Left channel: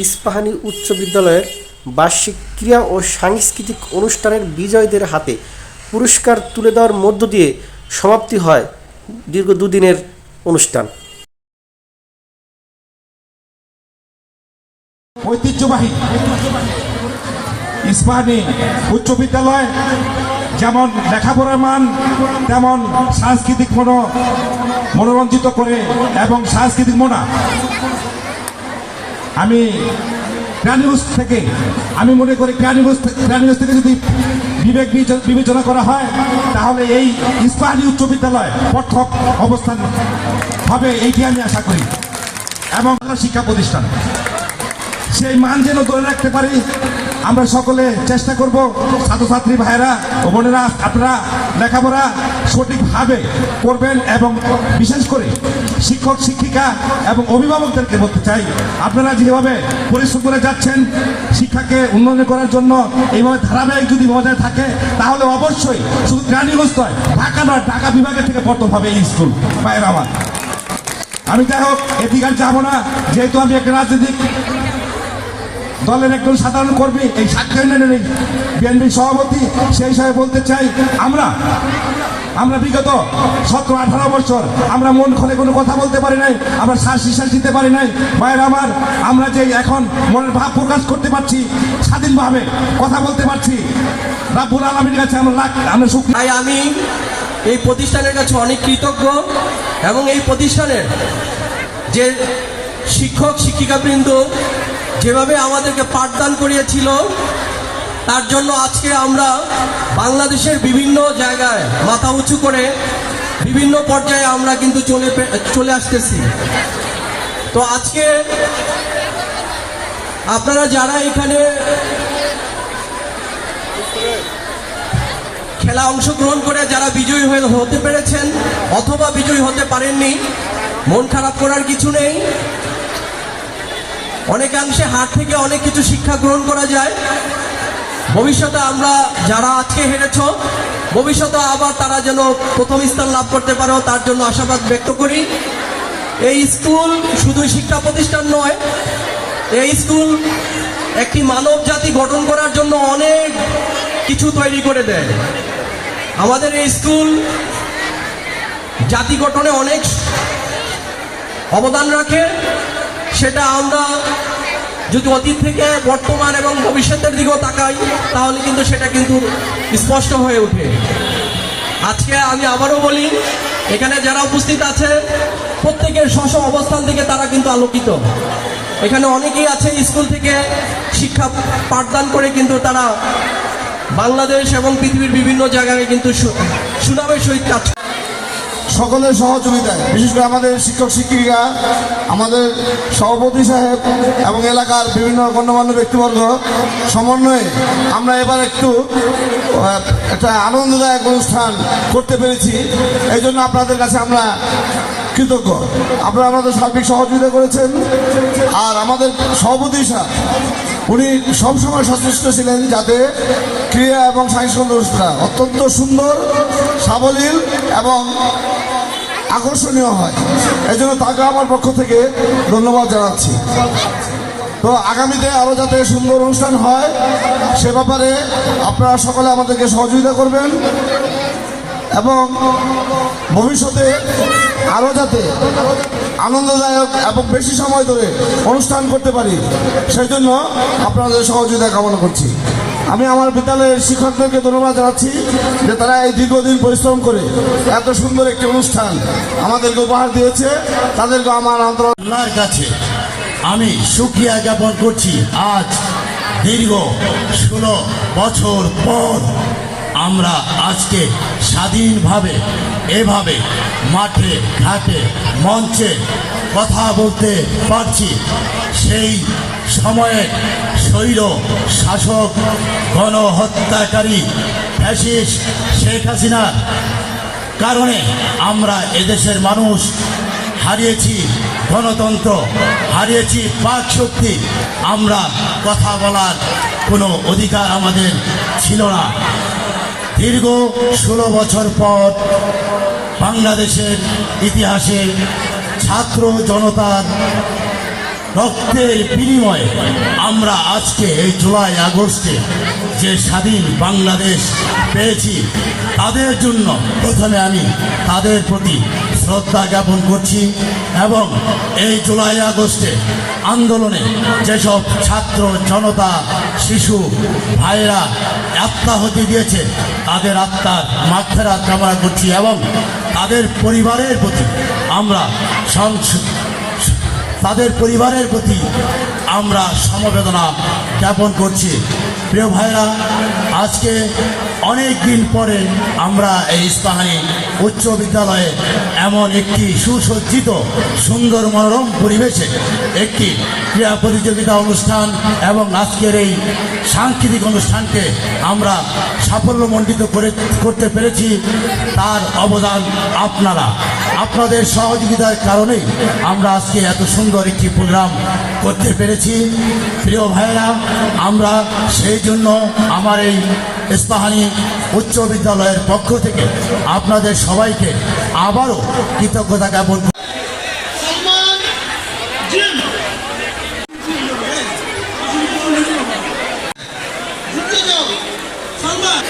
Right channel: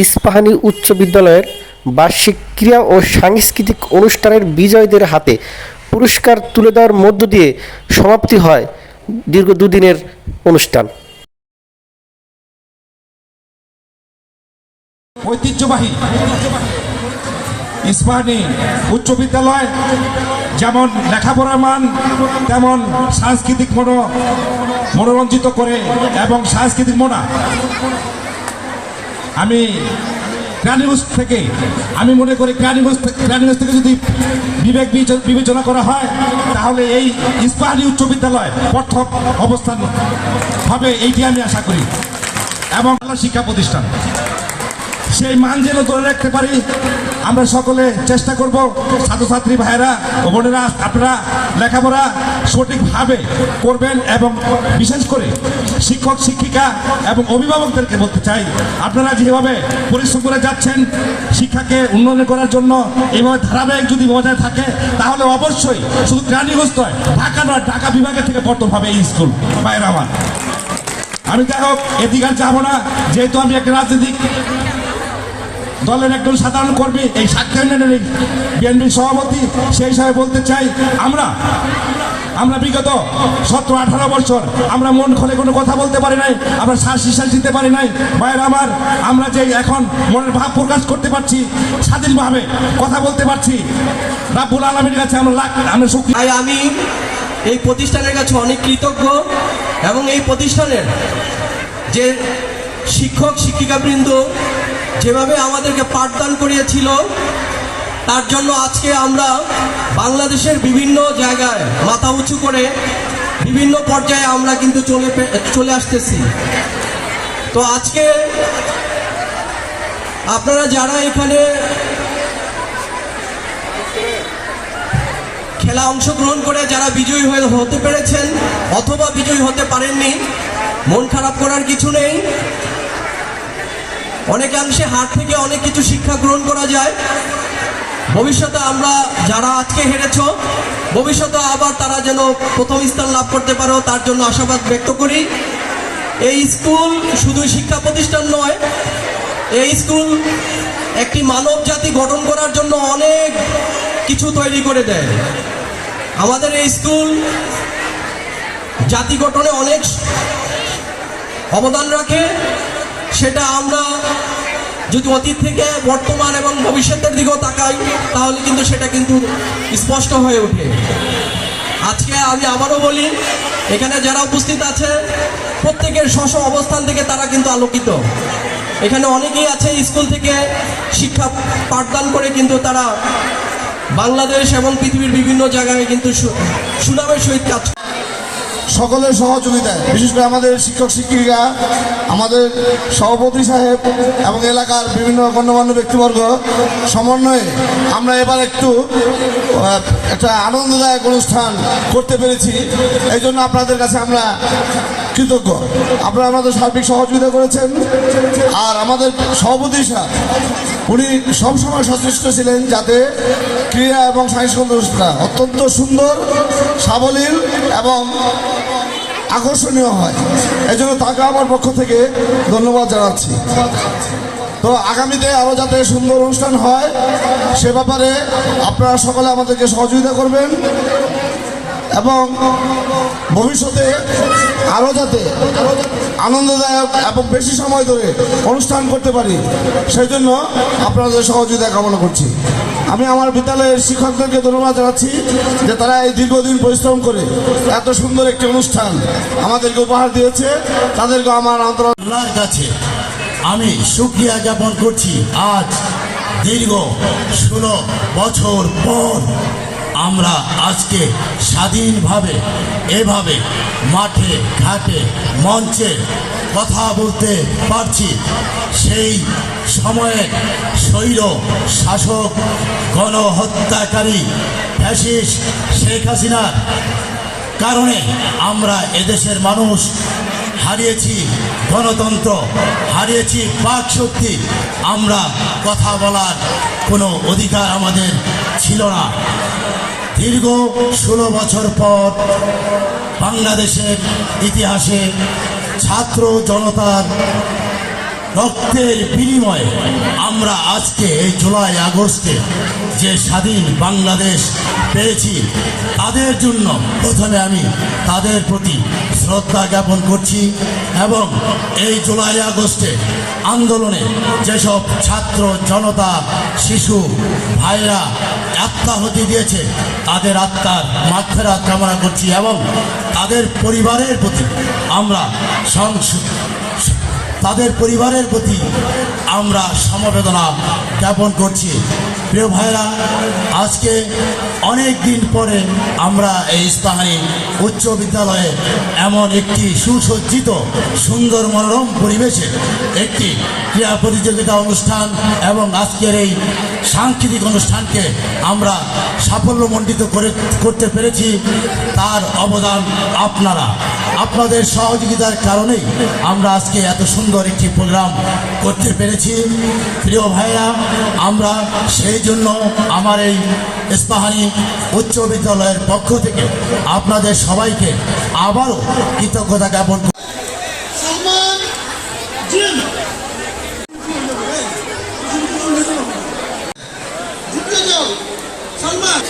ইস্পাহানী উচ্চ বিদ্যালয়ের বার্ষিক ক্রীড়া ও সাংস্কৃতিক অনুষ্ঠানের বিজয়ীদের হাতে পুরস্কার তুলে দেওয়ার মধ্য দিয়ে সমাপ্তি হয় দীর্ঘ দুদিনের অনুষ্ঠান। ঐতিহ্যবাহী ইস্পাহানী উচ্চ বিদ্যালয় যেমন লেখাপড়ার মান তেমন সাংস্কৃতিক মনোরঞ্জিত করে এবং সাংস্কৃতিক আমি ক্রানিগঞ্জ থেকে আমি মনে করি ক্রানিগঞ্জ থেকে যদি বিবেচনা করা হয় তাহলে এই ইস্পাহানী উচ্চ বিদ্যালয় প্রথম অবস্থান হবে, এইটি আমি আশা করি। এবং শিক্ষা প্রতিষ্ঠান সেই মান যেন ধরে রাখতে পারি আমরা সকলে চেষ্টা করব। ছাত্রছাত্রী ভাইয়েরা ও বোনেরা, আপনারা লেখাপড়া সঠিকভাবে করবেন এবং বিশেষ করে শিক্ষক শিক্ষিকা এবং অভিভাবকদেরকে বলতে চাই, আপনারা যেভাবে পরিশ্রম করে যাচ্ছেন শিক্ষাকে উন্নয়ন করার জন্য, এইভাবে ধারাবাহিক যদি বজায় থাকে তাহলে অবশ্যই শুধু ক্রানিগঞ্জ নয়, ঢাকা নয়, ঢাকা বিভাগের থেকে প্রথম হবে এই স্কুল। ভাইয়েরা আমার, আমি যাই হোক এদিকে আর যাবো না, যেহেতু আমি একটা রাজনৈতিক দলের একজন সাধারণ কর্মী, এই সাক্ষী ইউনিয়নের বিএনপির সভাপতি, সেই হিসাবে বলতে চাই আমরা বিগত 17-18 বছর আমরা মন খুলে কোনো কথা বলতে পারি নাই, আমরা শ্বাস নিঃশ্বাস দিতে পারি নাই। ভাইয়ের আমার, আমরা যে এখন মনের ভাব প্রকাশ করতে পারছি, স্বাধীনভাবে কথা বলতে পারছি, রাব্বুল আলামিনের কাছে আমরা শুকরিয়া। আমি এই প্রতিষ্ঠানের কাছে অনেক কৃতজ্ঞ এবং এই প্রতিষ্ঠানের যে শিক্ষক শিক্ষিকাবৃন্দ যেভাবে আমাদেরকে পাঠদান করিয়েছিল তার জন্য আজকে আমরা বাংলাদেশের বিভিন্ন জায়গায় মাথা উঁচু করে বিভিন্ন পর্যায়ে আমরা কিন্তু চলে আসতেছি। তো আজকে আপনারা যারা এখানে খেলা অংশগ্রহণ করে যারা বিজয়ী হতে পেরেছেন অথবা বিজয়ী হতে পারেননি, মন খারাপ করার কিছু নেই। অনেকাংশে হার থেকে অনেক কিছু শিক্ষা গ্রহণ করা যায়। ভবিষ্যতে আমরা যারা আজকে হেরেছ, ভবিষ্যতে আবার তারা যেন প্রথম স্থান লাভ করতে পারো তার জন্য আশাবাদ ব্যক্ত করি। এই স্কুল শুধু শিক্ষা প্রতিষ্ঠান নয়, এই স্কুল একটি মানব জাতি গঠন করার জন্য অনেক কিছু তৈরি করে দেয়। আমাদের এই স্কুল জাতি গঠনে অনেক অবদান রাখে। সেটা আমরা যদি অতীত থেকে বর্তমান এবং ভবিষ্যতের দিকেও তাকাই তাহলে কিন্তু সেটা কিন্তু স্পষ্ট হয়ে ওঠে। আজকে আমি আবারও বলি, এখানে যারা উপস্থিত আছে প্রত্যেকের স্ব অবস্থান থেকে তারা কিন্তু আলোকিত। এখানে অনেকেই আছে স্কুল থেকে শিক্ষা পাঠদান করে কিন্তু তারা বাংলাদেশ এবং পৃথিবীর বিভিন্ন জায়গায় কিন্তু সুনামের সহিত কাজ। সকলের সহযোগিতায়, বিশেষ করে আমাদের শিক্ষক শিক্ষিকা, আমাদের সভাপতি সাহেব এবং এলাকার বিভিন্ন গণ্যমান্য ব্যক্তিবর্গ সমন্বয়ে আমরা এবার একটা আনন্দদায়ক অনুষ্ঠান করতে পেরেছি। এই জন্য আপনাদের কাছে আমরা কৃতজ্ঞ। আপনারা আমাদের সার্বিক সহযোগিতা করেছেন। আর আমাদের সভাপতি সাহেব উনি সবসময় সচেষ্ট ছিলেন যাতে ক্রীড়া এবং সাংস্কৃতিক অনুষ্ঠান অত্যন্ত সুন্দর, সাবলীল এবং আকর্ষণীয় হয়। এই জন্য তাকে আমার পক্ষ থেকে ধন্যবাদ জানাচ্ছি। তো আগামীতে আরও যাতে সুন্দর অনুষ্ঠান হয় সে ব্যাপারে আপনারা সকলে আমাদেরকে সহযোগিতা করবেন এবং ভবিষ্যতে আরও যাতে আনন্দদায়ক এবং বেশি সময় ধরে অনুষ্ঠান করতে পারি সেই জন্য আপনাদের সহযোগিতা কামনা করছি। আমি আমার বিদ্যালয়ের শিক্ষকদেরকে ধন্যবাদ জানাচ্ছি যে তারা এই দীর্ঘদিন পরিশ্রম করে এত সুন্দর একটি অনুষ্ঠান আমাদেরকে উপহার দিয়েছে। তাদেরকে আমার আল্লাহর কাছে আমি শুকরিয়া জ্ঞাপন করছি। আজ দীর্ঘ 16 বছর পর আমরা আজকে স্বাধীনভাবে এভাবে মাঠে ঘাটে মঞ্চে কথা বলতে পারছি। সেই সময়ে স্বৈর শাসক গণহত্যাকারী ফ্যাসিস্ট শেখ হাসিনার কারণে আমরা এদেশের মানুষ হারিয়েছি গণতন্ত্র, হারিয়েছি বাক শক্তি। আমরা কথা বলার কোনো অধিকার আমাদের ছিল না। দীর্ঘ 16 বছর পর বাংলাদেশের ইতিহাসে ছাত্র জনতার রক্তের বিনিময়ে আমরা আজকে এই জুলাই আগস্টে যে স্বাধীন বাংলাদেশ পেয়েছি, তাদের জন্য প্রথমে আমি তাদের প্রতি শ্রদ্ধা জ্ঞাপন করছি এবং এই জুলাই আগস্টে আন্দোলনে যেসব ছাত্র জনতা শিশু ভাইরা আত্মাহুতি দিয়েছে তাদের আত্মার মাগফিরাত কামনা করছি এবং তাদের পরিবারের প্রতি আমরা সমবেদনা জ্ঞাপন করছি। প্রিয় ভাইরা, আজকে অনেক দিন পরে আমরা এই ইস্পাহানি উচ্চ বিদ্যালয়ে এমন একটি সুসজ্জিত সুন্দর মনোরম পরিবেশে একটি ক্রীড়া প্রতিযোগিতা অনুষ্ঠান এবং আজকের এই সাংস্কৃতিক অনুষ্ঠানকে আমরা সাফল্যমণ্ডিত করতে পেরেছি। তার অবদান আপনাদের সহযোগিতার কারণেই আমরা আজকে এত সুন্দর একটি প্রোগ্রাম করতে পেরেছি। প্রিয় ভাইরা, আমরা সেই জন্য আমার এই ইস্পাহানি উচ্চ বিদ্যালয়ের পক্ষ থেকে আপনাদের সবাইকে আবারও কৃতজ্ঞতা জ্ঞাপন সম্মান